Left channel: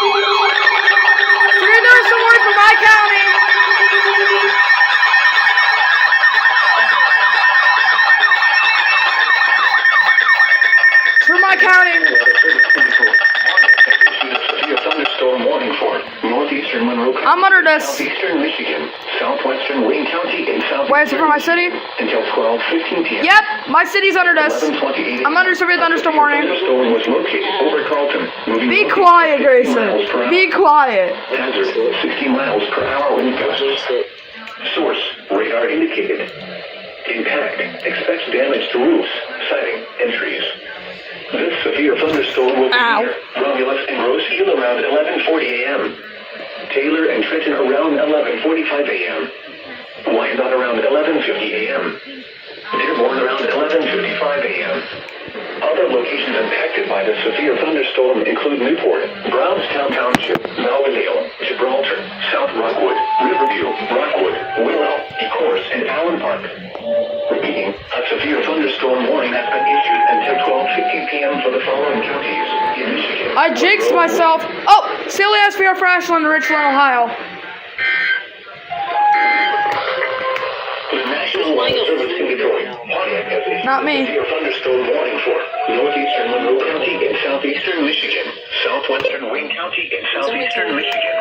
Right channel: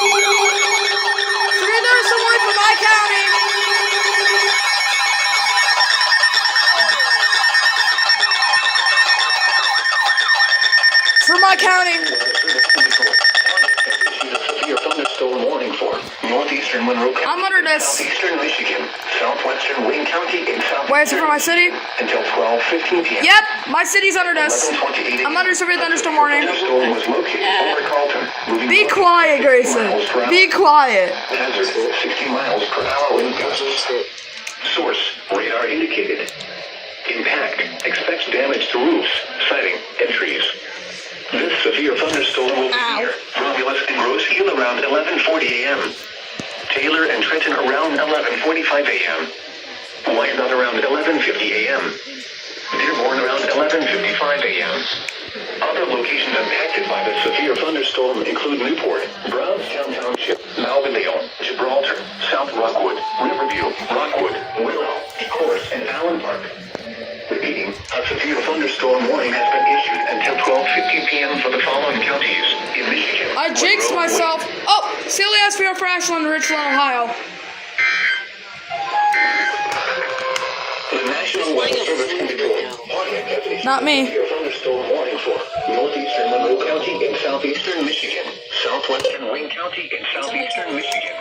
Severe thunderstorm warning for my county. For my county. Thunderstorm warning for northeastern Monroe County, I'm under this. southeastern Michigan, southwestern Wayne County, and southeastern Wait, is it for my city? until 12:15 p.m. Yep, my city's under this. 11:28 I'm under severe thunderstorm warning. Thunderstorm was located over Carlton. Moving Be north quiet, Grayson. Be quiet. Hazard 60 miles per hour wind gusts. Source radar indicated. Impact expects damage to roofs, siding, and trees. This severe thunderstorm will be near Romulus and Grosse Ile around 11:40 a.m. Taylor and Trenton around 11:45 a.m. Wyandotte around 11:50 a.m. Dearborn around 11:55 a.m. Other locations impacted by the severe thunderstorm include Newport, Brownstown Township, Malverdale, Gibraltar, South Rockwood, Riverview, Rockwood, Willow, Ecorse, and Allen Park. Repeating, a severe thunderstorm warning has been issued until 12:50 p.m. for the following counties in Michigan. I jinxed myself. Oh, silly SVR for Ashland, Richland, Ohio. The National Weather Service indicates Not me. severe thunderstorm warning for northeastern Monroe County and southeastern Michigan, southwestern Wayne County and southeastern Michigan,